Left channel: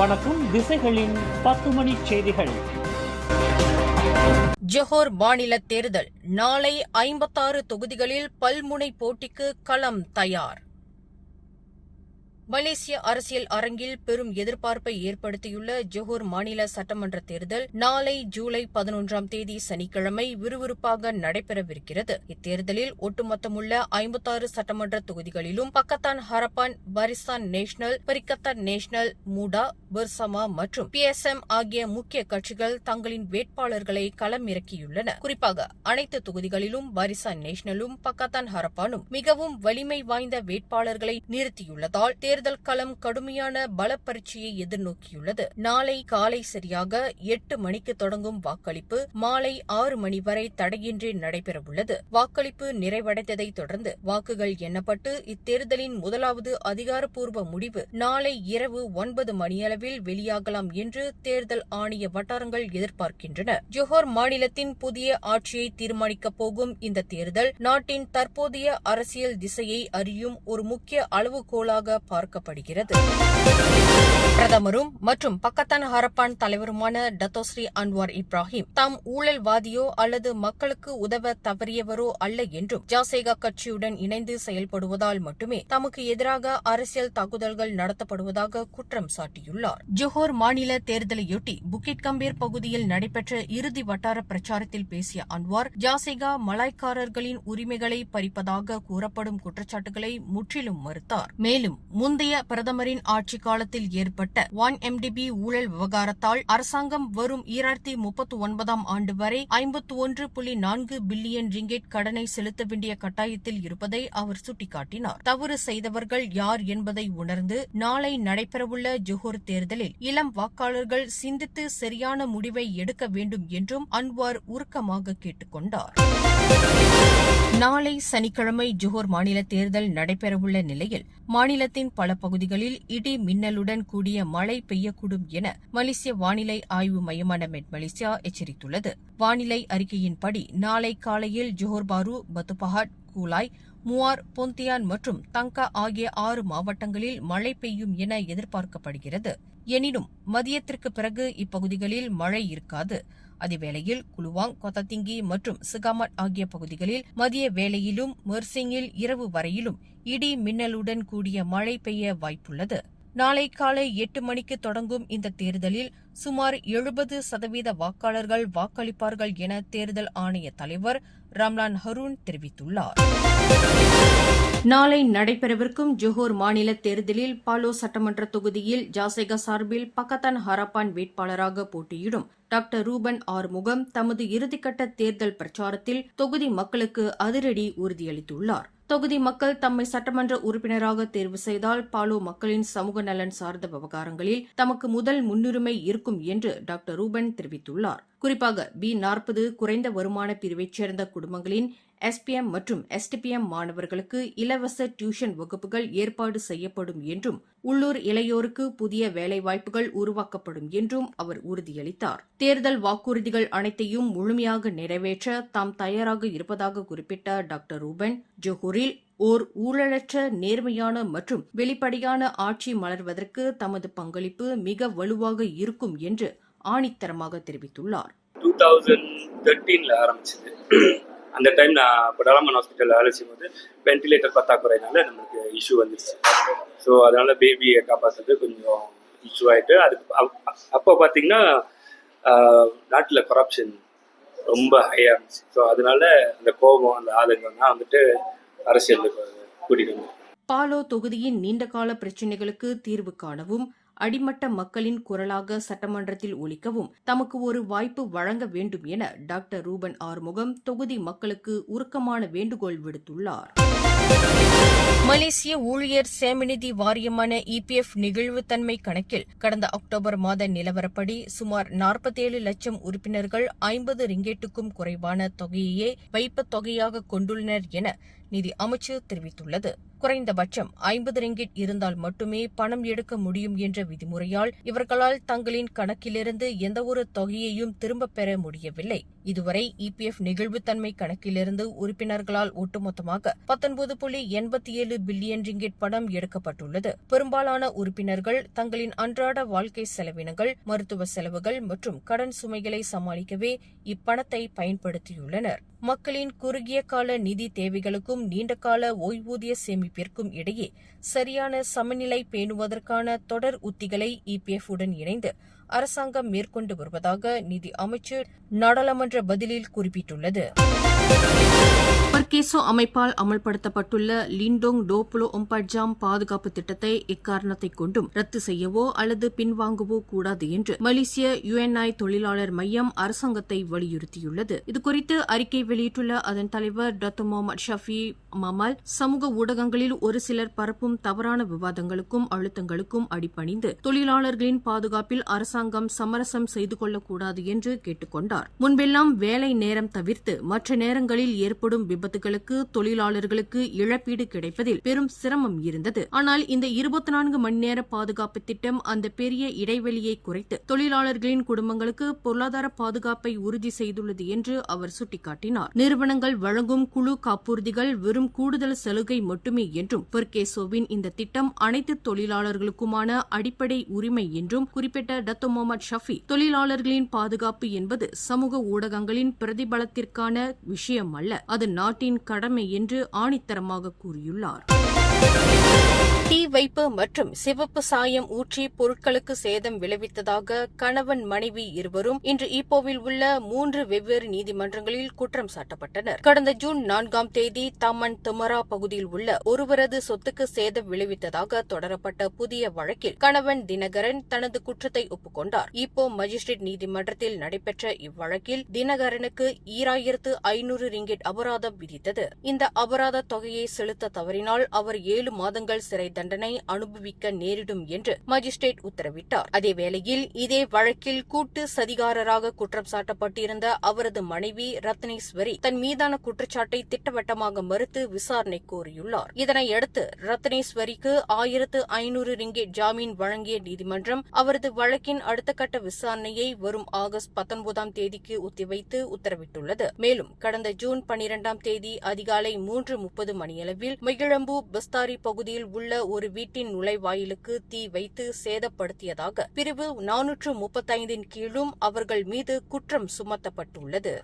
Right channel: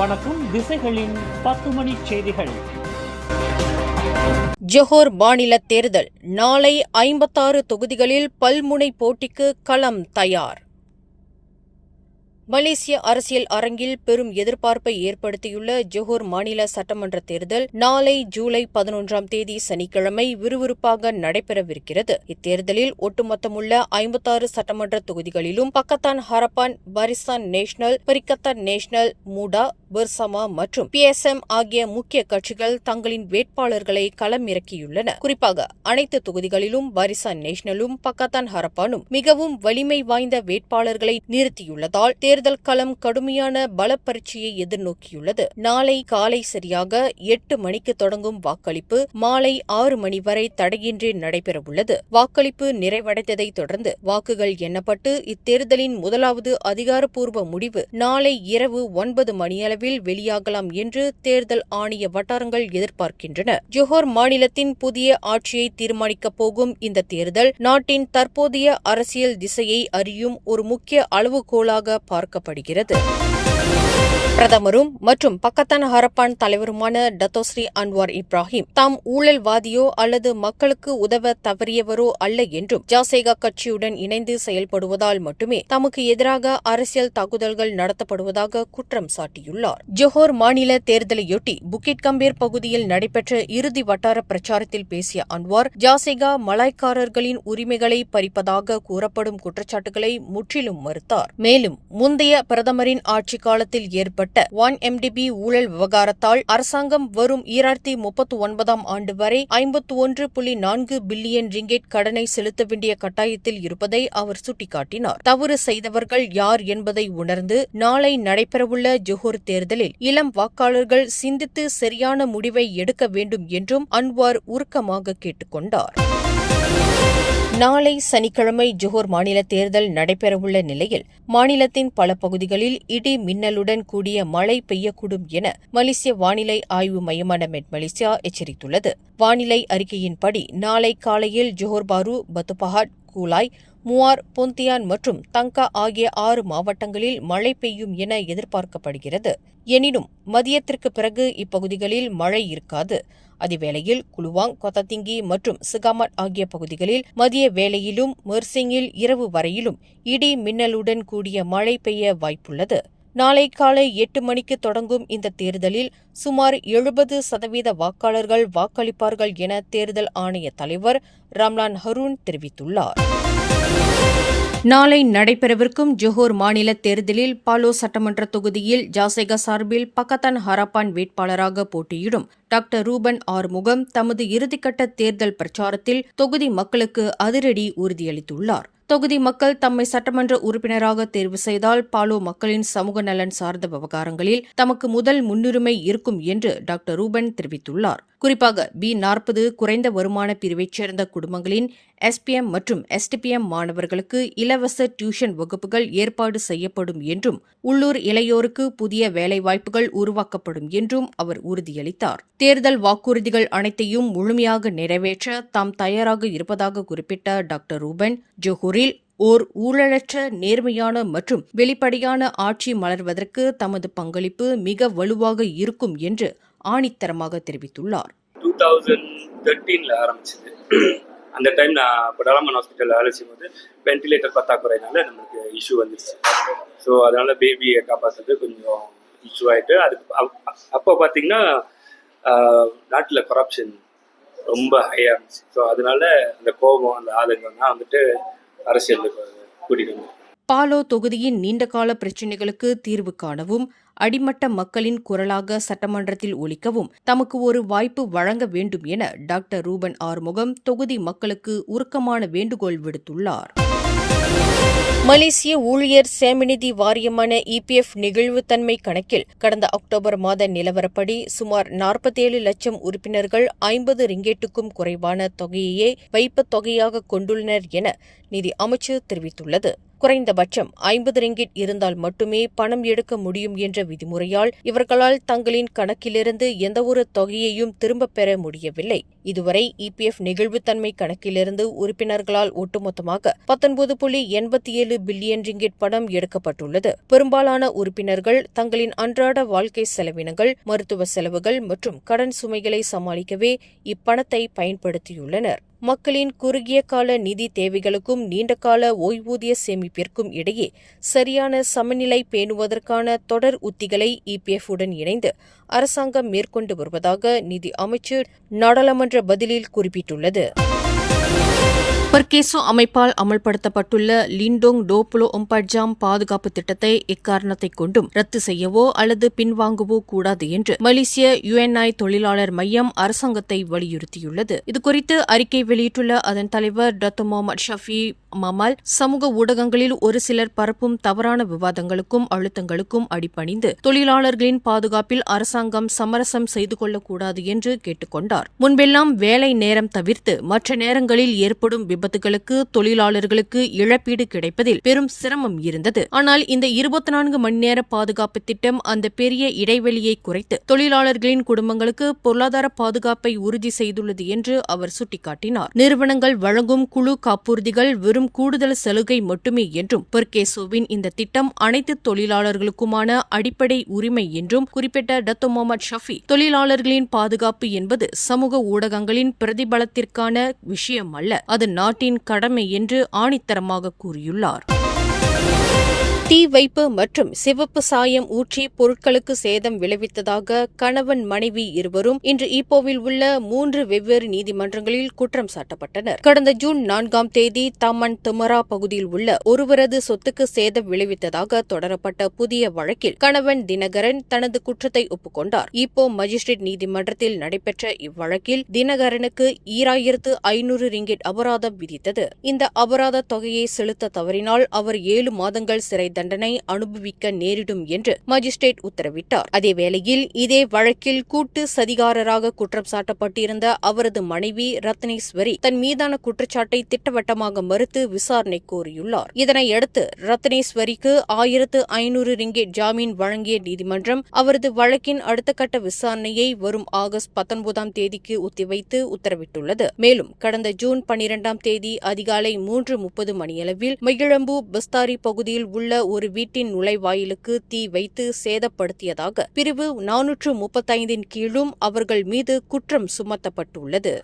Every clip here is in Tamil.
வணக்கம். திசைகளின் 10 மணி செய்திகள். ஜொஹோர் மாநில தேர்தல் நாளை 56 தொகுதிகளில் பல்முனை போட்டிக்கு களம் தயார். மலேசிய அரசியல் அரங்கில் பெரும் எதிர்பார்ப்பை ஏற்படுத்தியுள்ள ஜொஹோர் மாநில சட்டமன்ற தேர்தல் நாளை ஜூலை 11ஆம் தேதி சனிக்கிழமை விறுவிறுப்பாக நடைபெறவிருக்கிறது. இத்தேர்தலில் ஒட்டுமொத்தமுள்ள 56 சட்டமன்ற தொகுதிகளிலும் பக்கத்தான் ஹரப்பான், பரிசான் நேஷனல், பரிக்கத்தான் நேஷனல், மூடா, பெர்சமா மற்றும் PSM ஆகிய முக்கிய கட்சிகள் தங்களின் வேட்பாளர்களை களமிறக்கியுள்ளன. குறிப்பாக அனைத்து தொகுதிகளிலும் பரிசான் நேஷனலும் பக்கத்தான் ஹரப்பானும் மிகவும் வலிமை வாய்ந்த வேட்பாளர்களை நிறுத்தியுள்ளதால் தேர்தல் களம் கடுமையான பலப்பரீட்சையை எதிர்நோக்கியுள்ளது. நாளை காலை சரியாக 8 மணிக்கு தொடங்கும் வாக்களிப்பு மாலை 6 மணி வரை தடையின்றி நடைபெறவுள்ளது. வாக்களிப்பு நிறைவடைந்ததை தொடர்ந்து வாக்குகள் எண்ணப்பட்டு இத்தேர்தலின் முதலாவது அதிகாரப்பூர்வ முடிவு நாளை இரவு 9 மணியளவில் வெளியாகலாம் என்று தேர்தல் ஆணைய வட்டாரங்கள் எதிர்பார்க்கின்றன. ஜொஹோர் மாநிலத்தின் புதிய ஆட்சியை தீர்மானிக்கப் போகும் இந்த தேர்தல் நாட்டின் தற்போதைய அரசியல் திசையை அறியும் ஒரு முக்கிய அளவுகோலாக பார்க்கப்படுகிறது. பிரதமரும் மற்றும் பக்கத்தான் ஹரப்பான் தலைவருமான டத்தோஸ்ரீ அன்வார் இப்ராஹிம் தாம் ஊழல்வாதியோ அல்லது மக்களுக்கு உதவ தவறியவரோ அல்ல என்றும் ஜாசேகா கட்சியுடன் இணைந்து செயல்படுவதால் மட்டுமே தமக்கு எதிராக அரசியல் தாக்குதல்கள் நடத்தப்படுவதாக குற்றம் சாட்டியுள்ளார். ஜொஹோர் மாநில தேர்தலையொட்டி புக்கிட் கம்பீர் பகுதியில் நடைபெற்ற இறுதி வட்டார பிரச்சாரத்தில் பேசிய அன்வார் ஜாசேகா மலாய்க்காரர்களின் உரிமைகளை பறிப்பதாக கூறப்படும் குற்றச்சாட்டுகளை முற்றிலும் மறுத்தார். மேலும் முந்தைய பிரதமரின் ஆட்சி காலத்தில் ஏற்பட்ட 1MDB ஊழல் விவகாரத்தால் அரசாங்கம் வரும் 2039ஆம் ஆண்டு வரை 51.4 பில்லியன் ரிங்கெட் கடனை செலுத்த வேண்டிய கட்டாயத்தில் இருப்பதை அவர் சுட்டிக்காட்டினார். தவறு செய்தவர்கள் யார் என்பதை உணர்ந்து நாளை நடைபெறவுள்ள ஜொஹோர் தேர்தலில் இளம் வாக்காளர்கள் சிந்தித்து சரியான முடிவை எடுக்க வேண்டும் என்றும் அன்வார் உருக்கமாக கேட்டுக் கொண்டார். நாளை சனிக்கிழமை ஜொஹோர் மாநில தேர்தல் நடைபெறவுள்ள நிலையில் மாநிலத்தின் பல பகுதிகளில் இடி மின்னலுடன் கூடிய மழை பெய்யக்கூடும் என மலேசிய வானிலை ஆய்வு மையமான மெட் மலேசியா எச்சரித்துள்ளது. வானிலை அறிக்கையின்படி நாளை காலையில் ஜொஹோர் பாரு, பத்து பஹாட், கூலாய், மூவார், பொந்தியான் மற்றும் தங்கா ஆகிய 6 மாவட்டங்களில் மழை பெய்யும் என எதிர்பார்க்கப்படுகிறது. எனினும் மதியத்திற்கு பிறகு இப்பகுதிகளில் மழை இருக்காது. அதேவேளையில் குலுவாங், கொத்தத்திங்கி மற்றும் சிகாமட் ஆகிய பகுதிகளில் மதிய வேளையிலும் மெர்சிங்கில் இரவு வரையிலும் இடி மின்னலுடன் கூடிய மழை பெய்ய வாய்ப்புள்ளது. நாளை காலை 8 மணிக்கு தொடங்கும் இந்த தேர்தலில் சுமார் 70% வாக்காளர்கள் வாக்களிப்பார்கள் என தேர்தல் ஆணைய தலைவர் ரம்லான் ஹரூன் தெரிவித்துள்ளார். நாளை நடைபெறவிருக்கும் ஜொஹோர் மாநில தேர்தலில் பாலோ சட்டமன்ற தொகுதியில் ஜாசேகா சார்பில் பக்கத்தான் ஹரப்பான் வேட்பாளராக போட்டியிடும் டாக்டர் ரூபன் ஆறுமுகம் தமது இறுதிக்கட்ட தேர்தல் பிரச்சாரத்தில் தொகுதி மக்களுக்கு அதிரடி உறுதியளித்துள்ளார். தொகுதி மக்கள் தம்மை சட்டமன்ற உறுப்பினராக தேர்வு செய்தால் பாலோ மக்களின் சமூக நலன் சார்ந்த விவகாரங்களில் தமக்கு முதல் முன்னுரிமை இருக்கும் என்று டாக்டர் ரூபன் தெரிவித்துள்ளார். குறிப்பாக B40 குறைந்த வருமான பிரிவைச் சேர்ந்த குடும்பங்களின் SPM மற்றும் STPM மாணவர்களுக்கு இலவச டியூஷன் வகுப்புகள் ஏற்பாடு செய்யப்படும் என்றும் உள்ளூர் இளையோருக்கு புதிய வேலைவாய்ப்புகள் உருவாக்கப்படும் என்றும் அவர் உறுதியளித்தார். தேர்தல் வாக்குறுதிகள் அனைத்தையும் முழுமையாக நிறைவேற்ற தாம் தயாராக இருப்பதாக குறிப்பிட்ட டாக்டர் ரூபன் ஜொஹூரில் ஓர் ஊழலற்ற, நேர்மையான மற்றும் வெளிப்படையான ஆட்சி மலர்வதற்கு தமது பங்களிப்பு மிக வலுவாக இருக்கும் என்று ஆணித்தரமாக தெரிவித்துள்ளார். 2013 ஆரம்பிச்சது. அந்த டைம் நான் டெவலப்மெண்ட் ஹாஸ்பிட்டலில் வேலை செய்யும்போது வென்டிலேட்டர் பத்தாக்குறையினால நம்மளுக்கு இஷ்யூ வந்துருச்சு. ஸோ அதனால பேபியை காப்பாற்றுறது கொஞ்சம் இஷ்யூ ஆகிட்டு அப்போ பார்த்தீங்கன்னா நாட்டில் கரப்ஷன் ரொம்ப ஹையாக இருந்துச்சு. ஸோ அதனால அந்த கோபம், அந்த ஆதங்கம் தான் வந்துட்டு அரசியலுக்கு கூட்டிட்டு வந்தோம். பாலோ தொகுதியின் நீண்டகால பிரச்சினைகளுக்கு தீர்வு காணவும் அடிமட்ட மக்களின் குரலாக சட்டமன்றத்தில் ஒலிக்கவும் தமக்கு ஒரு வாய்ப்பு வழங்க வேண்டும் என டாக்டர் ரூபன் ஆறுமுகம் தொகுதி மக்களுக்கு உருக்கமான வேண்டுகோள் விடுத்துள்ளார். மலேசிய ஊழியர் சேமநிதி வாரியமான EPF நெகிழ்வுத்தன்மை கணக்கில் கடந்த அக்டோபர் மாத நிலவரப்படி சுமார் 47 லட்சம் உறுப்பினர்கள் 50 ரிங்கெட்டுக்கும் குறைவான தொகையையே வைப்புத் தொகையாக கொண்டுள்ளனர் என நிதி அமைச்சு தெரிவித்துள்ளது. குறைந்தபட்சம் 50 ரிங்கிட் இருந்தால் மட்டுமே பணம் எடுக்க முடியும் என்ற விதிமுறையால் இவர்களால் தங்களின் கணக்கிலிருந்து எந்தவொரு தொகையையும் திரும்பப் பெற முடியவில்லை. இதுவரை இபிஎஃப் நெகிழ்வுத்தன்மை கணக்கிலிருந்து உறுப்பினர்களால் ஒட்டுமொத்தமாக 19.87 பில்லியன் ரிங்கிட் பணம் எடுக்கப்பட்டுள்ளது. பெரும்பாலான உறுப்பினர்கள் தங்களின் அன்றாட வாழ்க்கை செலவினங்கள், மருத்துவ செலவுகள் மற்றும் கடன் சுமைகளை சமாளிக்கவே இப்பணத்தை பயன்படுத்தியுள்ளனர். மக்களின் குறுகிய கால நிதி தேவைகளுக்கும் நீண்டகால ஓய்வூதிய சேமிப்பிற்கும் இடையே சரியான சமநிலை பேணுவதற்கான தொடர் உத்திகளை இபிஎஃப் உடன் இணைந்து அரசாங்கம் மேற்கொண்டு வருவதாக நிதி அமைச்சர் நாடாளுமன்ற பதிலில் குறிப்பிட்டுள்ளது. பர்கேசோ அமைப்பால் அமல்படுத்தப்பட்டுள்ள லிண்டோங் 24 ஜாம் பாதுகாப்பு திட்டத்தை எக்காரணத்தைக் கொண்டும் ரத்து செய்யவோ அல்லது பின்வாங்கவோ கூடாது என்று மலேசிய UNI தொழிலாளர் மையம் அரசாங்கத்தை வலியுறுத்தியுள்ளது. இதுகுறித்து அறிக்கை வெளியிட்டுள்ள அதன் தலைவர் டத்தோ முகமது ஷஃபி மமால், சமூக ஊடகங்களில் ஒரு சிலர் பரப்பும் தவறான விவாதங்களுக்கும் அழுத்தங்களுக்கும் அடிபணிந்து தொழிலாளர்களின் பாதுகாப்பில் அரசாங்கம் சமரசம் செய்து கொள்ளக்கூடாது என்று கேட்டுக் கொண்டார். முன்பெல்லாம் வேலை நேரம் தவிர்த்து மற்ற நேரங்களில் ஏற்படும் விபத்துகளுக்கு தொழிலாளர்களுக்கு இழப்பீடு கிடைப்பதில் பெரும் சிரமம் இருந்தது. ஆனால் இந்த 24 மணி நேர பாதுகாப்பு திட்டம் அந்த பெரிய இடைவெளியை குறைத்து தொழிலாளர்களின் குடும்பங்களுக்கு பொருளாதார பாதுகாப்பை உறுதி செய்துள்ளது என்று அவர் சுட்டிக்காட்டினார். நிறுவனங்கள் வழங்கும் குழு காப்புறுதிகள் வெறும் கூடுதல் சலுகை மட்டுமே என்றும் பர்கேசோவின் இந்த திட்டம் அனைத்து தொழிலாளர்களுக்குமான அடிப்படை உரிமை என்றும் குறிப்பிட்ட டத்தோ முகமது ஷஃபி, தொழிலாளர்களின் பாதுகாப்பு என்பது சமூக ஊடகங்களின் பிரதிபலத்திற்கான விஷயம் அல்ல, அது நாட்டின் கடமை என்று ஆணித்தரமாக கூறியுள்ளார். தீ வைப்பு மற்றும் சிவப்பு சாயம் ஊற்றி பொருட்களுக்கு சேதம் விளைவித்ததாக கணவன் மனைவி இருவரும் இன்று ஈப்போவில் உள்ள 3 வெவ்வேறு நீதிமன்றங்களில் குற்றம் சாட்டப்பட்டனர். கடந்த ஜூன் 4ஆம் தேதி தமன் துமரா பகுதியில் உள்ள ஒருவரது சொத்துக்கு சேதம் விளைவித்ததாக தொடரப்பட்ட புதிய வழக்கில் கணவன் தினகரன் தனது குற்றத்தை ஒப்புக்கொண்டார். ஈப்போ மஜிஸ்ட்ரேட் நீதிமன்றத்தில் நடைபெற்ற இவ்வழக்கில் தினகரனுக்கு 2500 ரிங்கிட் அபராதம் விதித்தது. இந்த அபராத தொகையை செலுத்த தவறினால் அவர் 7 மாதங்கள் சிறை தண்டனை அனுபவிக்க நேரிடும் என்று மஜிஸ்ட்ரேட் உத்தரவிட்டார். அதேவேளையில் இதே வழக்கில் கூட்டு சதிகாரராக குற்றம் சாட்டப்பட்டிருந்த அவரது மனைவி ரத்னேஸ்வரி தன் மீதான குற்றச்சாட்டை திட்டவட்டமாக மறுத்து விசாரணை கோரியுள்ளார். இதனையடுத்து ரத்னேஸ்வரிக்கு 1500 ரிங்கிட் ஜாமீன் வழங்கிய நீதிமன்றம் அவரது வழக்கின் அடுத்த கட்ட விசாரணையை வரும் ஆகஸ்ட் 19ஆம் தேதிக்கு ஒத்திவைத்து உத்தரவிட்டுள்ளது. மேலும் கடந்த ஜூன் 12ஆம் தேதி அதிகாலை 3:30 மணியளவில் மகிழம்பு பஸ்தாரி பகுதியில் உள்ள ஒரு வீட்டின் நுழைவாயிலுக்கு தீ வைத்து சேதப்படுத்தியதாக பிரிவு 435 கீழும் அவர்கள் மீது குற்றம் சுமத்தப்பட்டுள்ளது.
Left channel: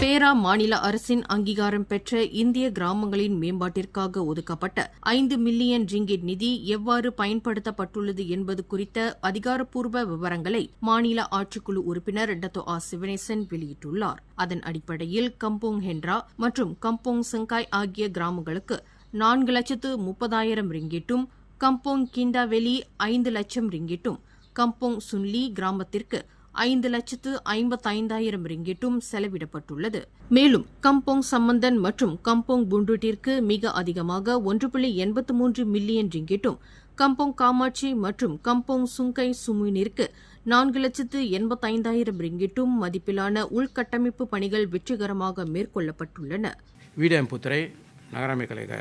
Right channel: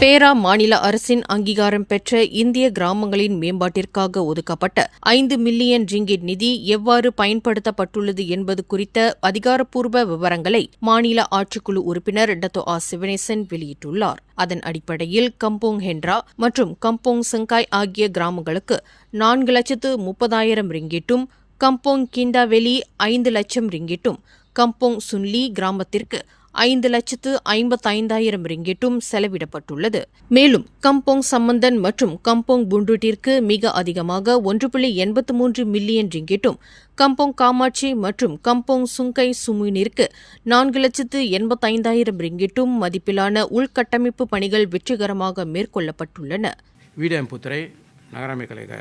பேரா மாநில அரசின் அங்கீகாரம் பெற்ற இந்திய கிராமங்களின் மேம்பாட்டிற்காக ஒதுக்கப்பட்ட 5 மில்லியன் ரிங்கிட் நிதி எவ்வாறு பயன்படுத்தப்பட்டுள்ளது என்பது குறித்த அதிகாரப்பூர்வ விவரங்களை மாநில ஆட்சிக்குழு உறுப்பினர் டத்தோ சிவனேசன் வெளியிட்டுள்ளார். அதன் அடிப்படையில் கம்போங் ஹென்ரா மற்றும் கம்போங் செங்காய் ஆகிய கிராமங்களுக்கு 4,30,000 ரிங்கிட்டும், கம்போங் கிண்டாவெளி 5 லட்சம் ரிங்கிட்டும், கம்போங் சுன்லி கிராமத்திற்கு 5,55,000 ரிங்கிட்டும் செலவிடப்பட்டுள்ளது. மேலும் கம்போங் சம்பந்தன் மற்றும் கம்போங் புண்டுட்டிற்கு மிக அதிகமாக 1.83 மில்லியன் ரிங்கிட்டும், கம்போங் காமாட்சி மற்றும் கம்போங் சுங்கை சுமுனிற்கு 4,85,000 ரிங்கிட்டும் மதிப்பிலான உள்கட்டமைப்பு பணிகள் வெற்றிகரமாக மேற்கொள்ளப்பட்டுள்ளன. வீடம்புத்துறை நகராமை கழக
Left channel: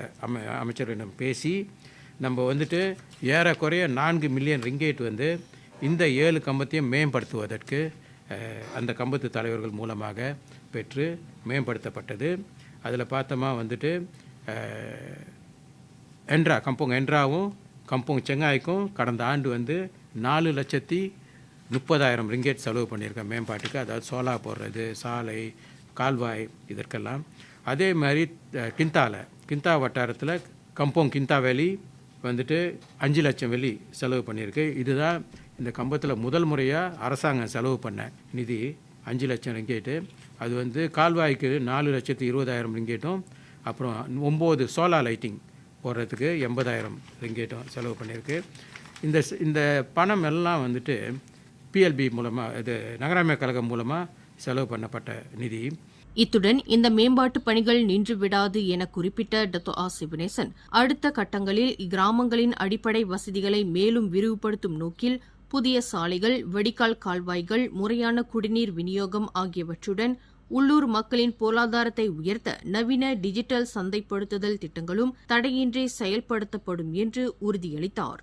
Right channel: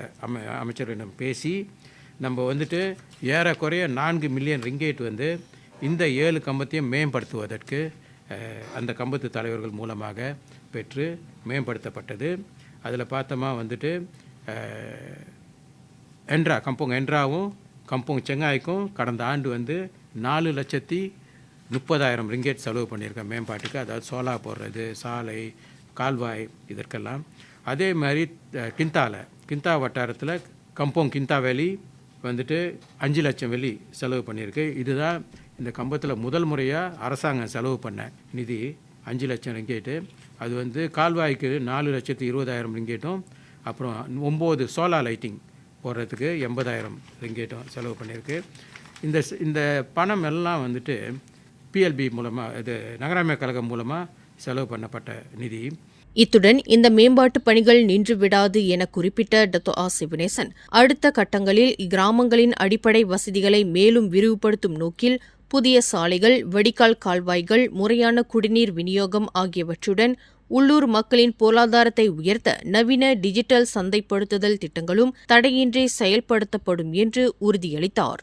அமைச்சரிடம் பேசி நம்ம ஏறக்குறைய 4 மில்லியன் ரிங்கேட் இந்த 7 கம்பத்தையும் மேம்படுத்துவதற்கு அந்த கம்பத்து தலைவர்கள் மூலமாக பெற்று மேம்படுத்தப்பட்டது. அதில் பார்த்தோமா என்ட்ரா கம்போங் என்ட்ராவும் கம்போங் செங்காய்க்கும் கடந்த ஆண்டு 4,30,000 ரிங்கேட் செலவு பண்ணியிருக்கேன் மேம்பாட்டுக்கு. அதாவது சோலா போடுறது, சாலை, கால்வாய் இதற்கெல்லாம். அதே மாதிரி கிந்தா வட்டாரத்தில் கம்போங் கிந்தா வேலி 5 லட்சம் வெள்ளி செலவு பண்ணியிருக்கு. இதுதான் இந்த கம்பத்தில் முதல் முறையாக அரசாங்கம் செலவு பண்ண நிதி 5 லட்சம் ரிங்கேட்டு. அது கால்வாய்க்கு 4,20,000 ரிங்கேட்டும், அப்புறம் 9 சோலா லைட்டிங் போடுறதுக்கு 80,000 ரிங்கேட்டும் செலவு பண்ணியிருக்கு. இந்த பணம் எல்லாம் பிஎல்பி மூலமாக, இது நகராமை கழகம் மூலமாக செலவு பண்ணப்பட்ட நிதி. இத்துடன் இந்த மேம்பாட்டு பணிகள் நின்றுவிடாது என குறிப்பிட்ட டத்தோ சிவனேசன், அடுத்த கட்டங்களில் கிராமங்களின் அடிப்படை வசதிகளை மேலும் விரிவுபடுத்தும் நோக்கில் புதிய சாலைகள், வடிகால் கால்வாய்கள், முறையான குடிநீர் விநியோகம் ஆகியவற்றுடன் உள்ளூர் மக்களின் பொருளாதாரத்தை உயர்த்த நவீன டிஜிட்டல் சந்தைப்படுத்துதல் திட்டங்களும் தடையின்றி செயல்படுத்தப்படும் என்று உறுதியளித்தார்.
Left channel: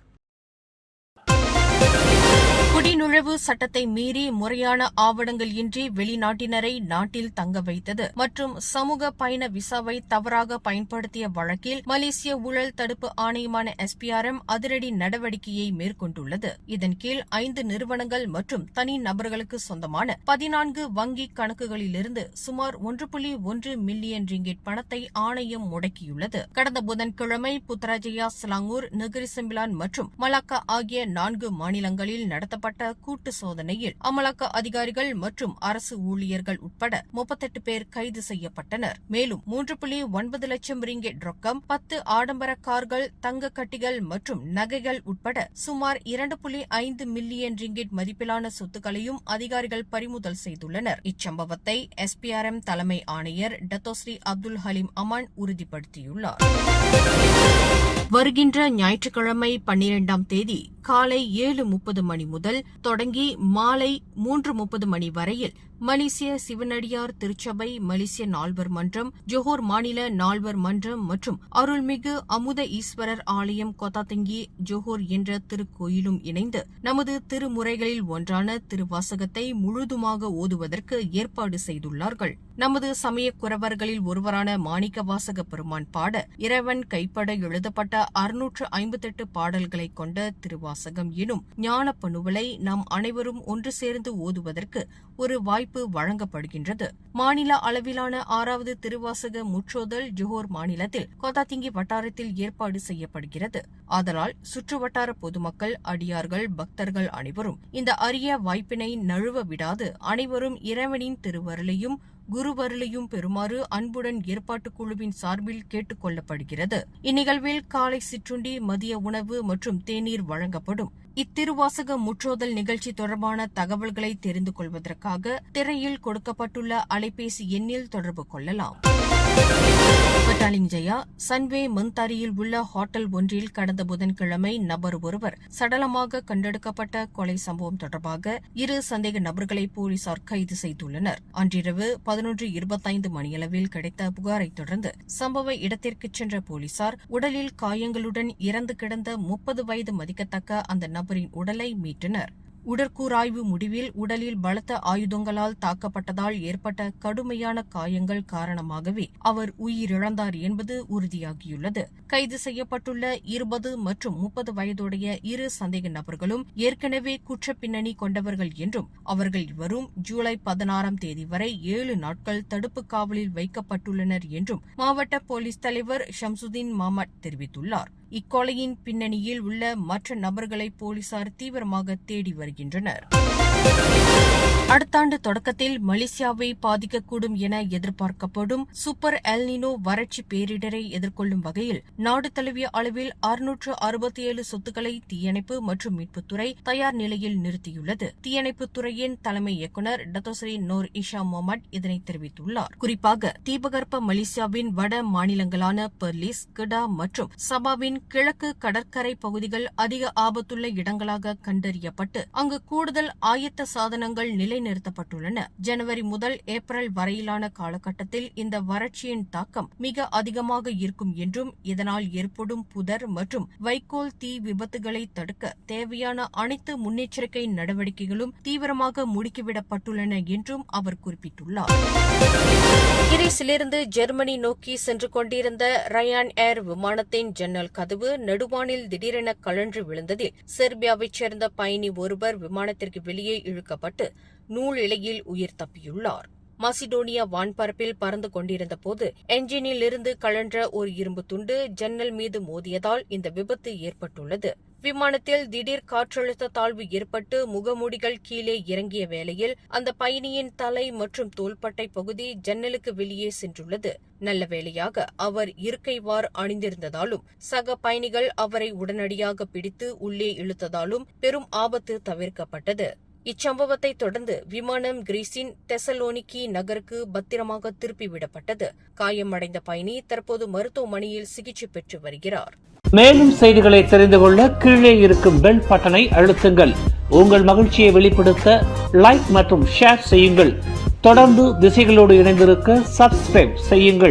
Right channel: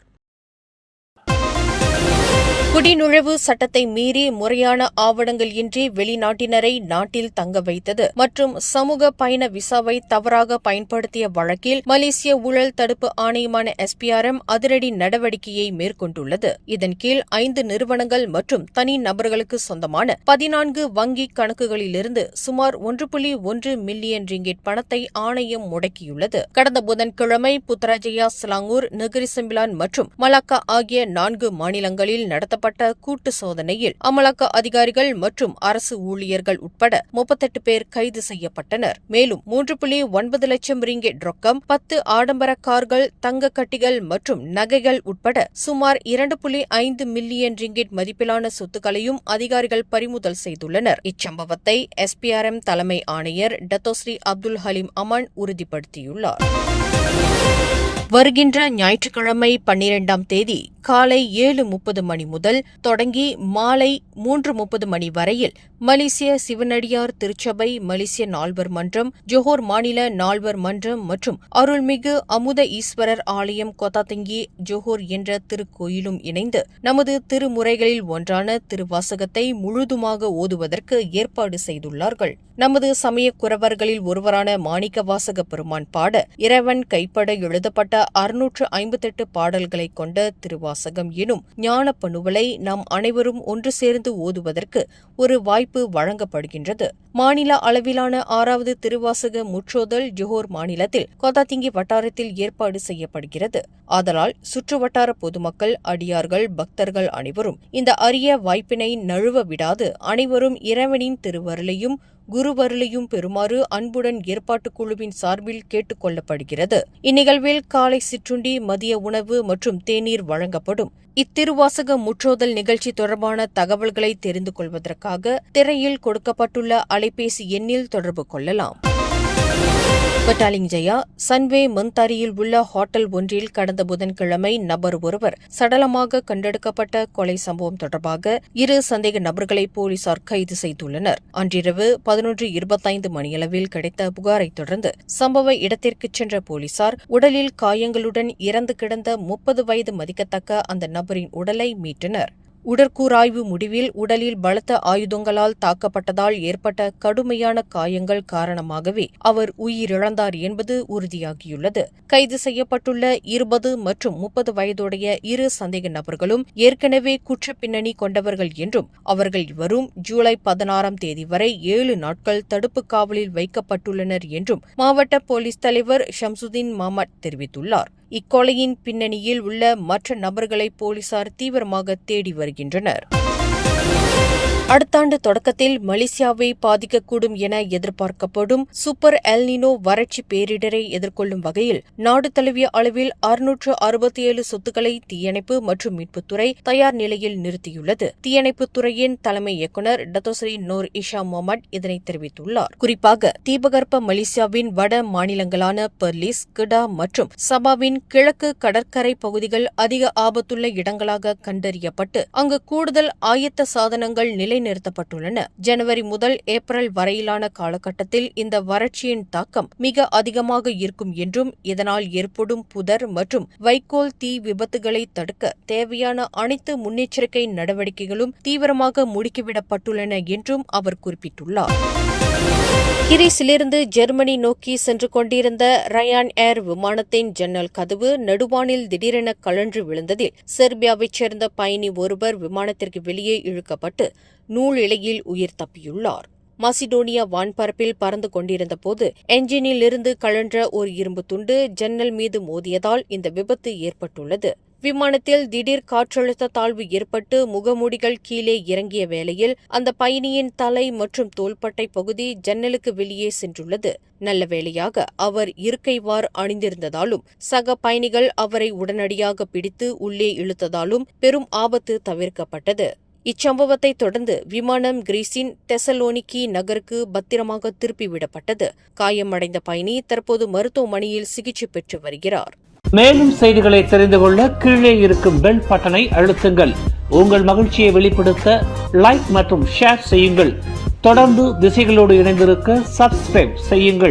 குடிநுழைவு சட்டத்தை மீறி முறையான ஆவணங்கள் இன்றி வெளிநாட்டினரை நாட்டில் தங்க வைத்தது மற்றும் சமூக பயண விசாவை தவறாக பயன்படுத்திய வழக்கில் மலேசிய ஊழல் தடுப்பு ஆணையமான SPRM அதிரடி நடவடிக்கையை மேற்கொண்டுள்ளது. இதன் கீழ் 5 நிறுவனங்கள் மற்றும் தனி நபர்களுக்கு சொந்தமான 14 வங்கி கணக்குகளிலிருந்து சுமார் 1.1 மில்லியன் ரிங்கிட் பணத்தை ஆணையம் முடக்கியுள்ளது. கடந்த புதன்கிழமை புத்ராஜயா, செலாங்கூர், நெகிரி செம்பிலான் மற்றும் மலாக்கா ஆகிய 4 மாநிலங்களில் நடத்தப்பட்ட கூட்டு சோதனையில் அமலாக்க அதிகாரிகள் மற்றும் அரசு ஊழியர்கள் உட்பட 38 பேர் கைது செய்யப்பட்டனர். மேலும் 3.9 லட்சம் ரிங்கிட் ரொக்கம், 10 ஆடம்பர கார்கள், தங்க கட்டிகள் மற்றும் நகைகள் உட்பட சுமார் 2.5 மில்லியன் ரிங்கிட் மதிப்பிலான சொத்துக்களையும் அதிகாரிகள் பறிமுதல் செய்துள்ளனர். இச்சம்பவத்தை SPRM தலைமை ஆணையர் டத்தோஸ்ரீ அப்துல் ஹலீம் அமான் உறுதிப்படுத்தியுள்ளார். வருகின்ற ஞாயிற்றுக்கிழமை 12ஆம் தேதி காலை 7:30 மணி முதல் தொடங்கி மாலை 3:30 மணி வரையில் மலேசிய சிவனடியார் திருச்சபை, மலேசிய நால்வர் மன்றம், ஜோஹர் மாநில நால்வர் மன்றம் மற்றும் அருள்மிகு அமுத ஈஸ்வரர் ஆலயம் கொத்தாத்தங்கி ஜோஹர் என்ற திருக்கோயிலும் இணைந்து நமது திருமுறைகளில் ஒன்றான திருவாசகத்தை முழுதுமாக ஓதுவதற்கு ஏற்பாடு செய்துள்ளார்கள். நமது சமய குரவர்களில் ஒருவரான மாணிக்கவாசக பெருமான் பாட இறைவன் கைப்பட எழுதப்பட்ட 658 பாடல்களை கொண்ட திருவாசகம் எனும் ஞான பணுவலை நாம் அனைவரும் ஒன்று சேர்ந்து ஓதுவதற்கு ஒரு வாய்ப்பு வழங்கப்படுகின்றது. மாநில அளவிலான 6வது திருவாசக முற்றோதல் ஜோஹர் மாநிலத்தில் கொத்தாத்திங்கி வட்டாரத்தில் ஏற்பாடு செய்யப்படுகிறது. ஆதலால் சுற்றுவட்டார பொதுமக்கள், அடியார்கள், பக்தர்கள் அனைவரும் இந்த அரிய வாய்ப்பினை நழுவ விடாது அனைவரும் இறைவனின் திருவருளையும் குருவருளையும் பெறுமாறு அன்புடன் ஏற்பாட்டுக் குழுவின் சார்பில் கேட்டுக் கொள்ளப்படுகிறது. இந்நிகழ்வில் காலை சிற்றுண்டி, மதிய உணவு மற்றும் தேநீர் வழங்கப்படும். இத்திருவாசக முற்றோதல் நிகழ்ச்சி தொடர்பான தகவல்களை தெரிந்து கொள்வதற்காக திரையில் கொடுக்கப்பட்டுள்ள அலைபேசி எண்ணில் தொடர்பு கொள்ளலாம். பட்டாலிங் ஜயா சன்வே மந்தாரியில் உள்ள ஹோட்டல் ஒன்றில் கடந்த புதன்கிழமை நபர் ஒருவர் சடலமாக கண்டெடுக்கப்பட்ட கொலை சம்பவம் தொடர்பாக 2 சந்தேக நபர்களை போலீசார் கைது செய்துள்ளனர். அன்றிரவு 11:25 மணியளவில் கிடைத்த புகாரைத் தொடர்ந்து சம்பவ இடத்திற்கு சென்ற போலீசார் உடலில் காயங்களுடன் இறந்து கிடந்த 30 வயது மதிக்கத்தக்க அந்த நபரின் உடலை மீட்டனர். உடற்கூராய்வு முடிவில் உடலில் பலத்த ஆயுதங்களால் தாக்கப்பட்டதால் ஏற்பட்ட கடுமையான காயங்கள் காரணமாகவே அவர் உயிரிழந்தார் என்பது உறுதியாகியுள்ளது. கைது செய்யப்பட்டுள்ள 20 மற்றும் 30 வயதுடைய 2 சந்தேக நபர்களும் ஏற்கனவே குற்றப் பின்னணி கொண்டவர்கள் என்றும் அவர்கள் இவரும் ஜூலை 16ஆம் தேதி வரை 7 நாட்கள் தடுப்பு காவலில் வைக்கப்பட்டுள்ளனர் என்றும் மாவட்ட போலீஸ் தலைவர் ஷம்சுதீன் மாமட் தெரிவித்துள்ளார். இக்கொலையின் பின்னணியில் உள்ள மற்ற நபர்களை போலீசார் தீவிரமாக தேடி வருகின்றனர். அடுத்த ஆண்டு தொடக்கத்தில் மலேசியாவை பாதிக்கக்கூடும் என எதிர்பார்க்கப்படும் சூப்பர் எல்னினோ வறட்சி பேரிடரை எதிர்கொள்ளும் வகையில் நாடு தழுவிய அளவில் 667 சொத்துக்களை தீயணைப்பு மற்றும் மீட்புத்துறை தயார் நிலையில் நிறுத்தியுள்ளது. தீயணைப்புத்துறையின் தலைமை இயக்குநர் டத்தோஸ்ரீ நூர் இஷா முகமட் இதனை தெரிவித்துள்ளார். குறிப்பாக தீபகற்ப மலேசியாவின் வட மாநிலங்களான பெர்லிஸ், கிடா மற்றும் சபாவின் கிழக்கு கடற்கரை பகுதிகள் அதிக ஆபத்துள்ள இடங்களாக கண்டறியப்பட்டு அங்கு கூடுதல் ஆயத்த சாதனங்கள் நிலைநிறுத்தப்பட்டுள்ளன. ஜனவரி முதல் ஏப்ரல் வரையிலான காலகட்டத்தில் இந்த வறட்சியின் தாக்கம் மிக அதிகமாக இருக்கும் என்றும் இதனால் ஏற்படும் புதர் மற்றும் வைக்கோல் தீ விபத்துகளை தடுக்க தேவையான அனைத்து முன்னெச்சரிக்கை நடவடிக்கைகளும் தீவிரமாக முடுக்கிவிடப்பட்டுள்ளன என்றும் அவர் குறிப்பிட்டுள்ளார். கிரீஸிலிருந்து ஜெர்மனி நோக்கி சென்று கொண்டிருந்த ரயான் ஏர் விமானத்தின் ஜன்னல் கதவு நடுவானில் திடீரென கழன்று விழுந்ததில் செர்பியாவைச் சேர்ந்த பயணி ஒருவர் விமானத்திற்கு வெளியே இழுக்கப்பட்டு நூல் இழையில் உயிர் தப்பியுள்ளார். மாசிடோனியா வான்பரப்பில் பறந்து கொண்டிருந்தபோது என்ஜினில் இருந்து கழன்ற ஒரு இரும்பு துண்டு ஜன்னல் மீது மோதியதால் இந்த விபத்து ஏற்பட்டுள்ளது. விமானத்தில் திடீர் காற்றழுத்த தாழ்வு ஏற்பட்டு முகமூடிகள் கீழே இறங்கிய வேளையில் அந்த பயணியின் தலை மற்றும் தோள்பட்டை பகுதி ஜன்னலுக்கு வெளியே சென்றுள்ளது. நல்ல வேளையாக அவர் இருக்கைவார் அணிந்திருந்ததாலும் சக பயணிகள் அவரை உடனடியாக பிடித்து உள்ளே இழுத்ததாலும் பெரும் ஆபத்து தவிர்க்கப்பட்டது. இச்சம்பவத்தை தொடர்ந்து விமானம் கிரீஸின் தெசலோனிக்கி நகருக்கு பத்திரமாக திருப்பிவிடப்பட்டது. காயமடைந்த பயணி தற்போது மருத்துவமனையில் சிகிச்சை பெற்று வருகிறார். மேலும் செய்திகளை தெரிந்து கொள்ள கீழே இருக்கும் பெல் பட்டனை அழுத்துங்கள். உங்கள் மகிழ்ச்சியை வெளிப்படுத்த லைக் மற்றும் ஷேர் செய்யுங்கள். தொடர்ந்து திசைகளோடு இணைந்திருக்க சப்ஸ்கிரைப் செய்யுங்கள்.